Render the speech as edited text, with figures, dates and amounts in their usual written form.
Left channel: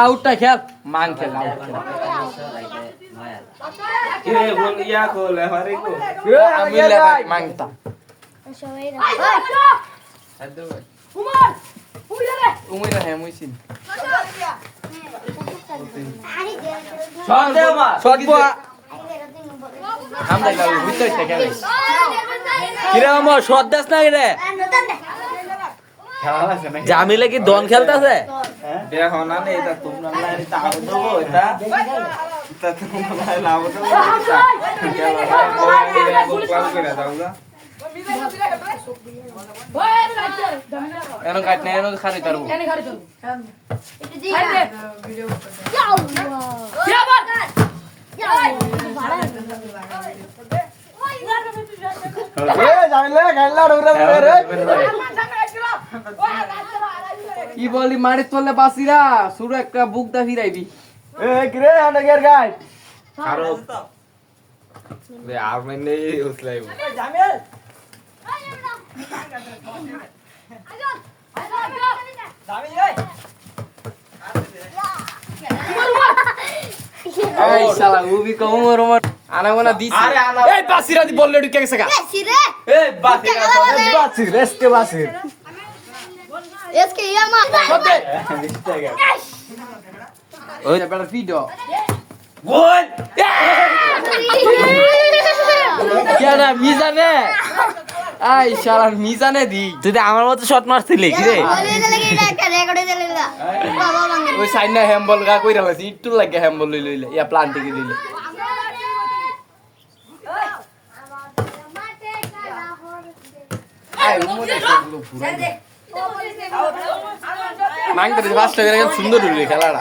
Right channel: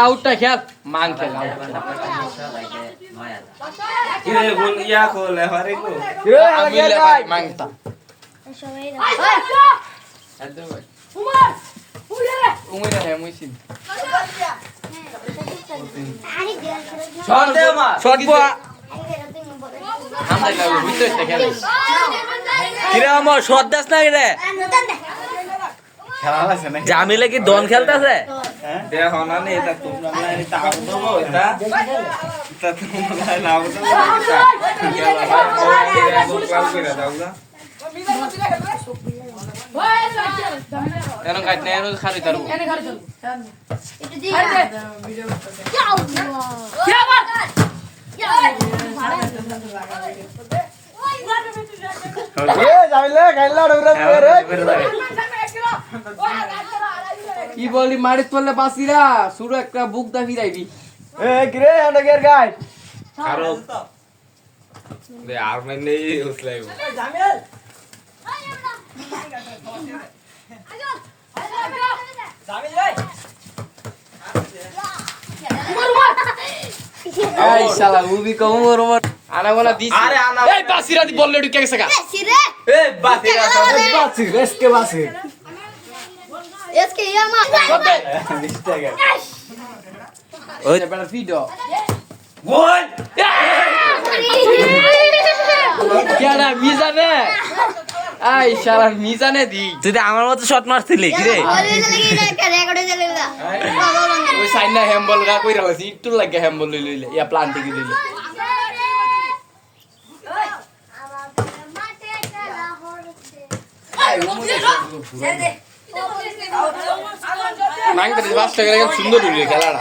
আউটটা খেল মান খেল মাংটা জামিলে কি দন খেলতেছে কি বলি মারিত পড়লে বাসিরা শুরু একটা বুক দা ফিরাইবি এই শালা উবি কমর ওমর আনাগোনা দিছি এই বাসিরা দি বললে ঢুকে গেছে গা এই বাসিরা বাসির এসকে বাসির এসকে ইয়ামা ওই বেটা ভিডিও গোল কেন মিজানে এই শালা মিজানে দি তুই তো আমার মতো শট মারছিলি কি রে ওই সাইনা হ্যাম্বল গা কইরা হইছে একটু লাগে হ্যাম্বল লইলে ইয়া প্লান্টিং দিলে মাইন্ড করে বাস করে সুন্দর হইলো খেলাটা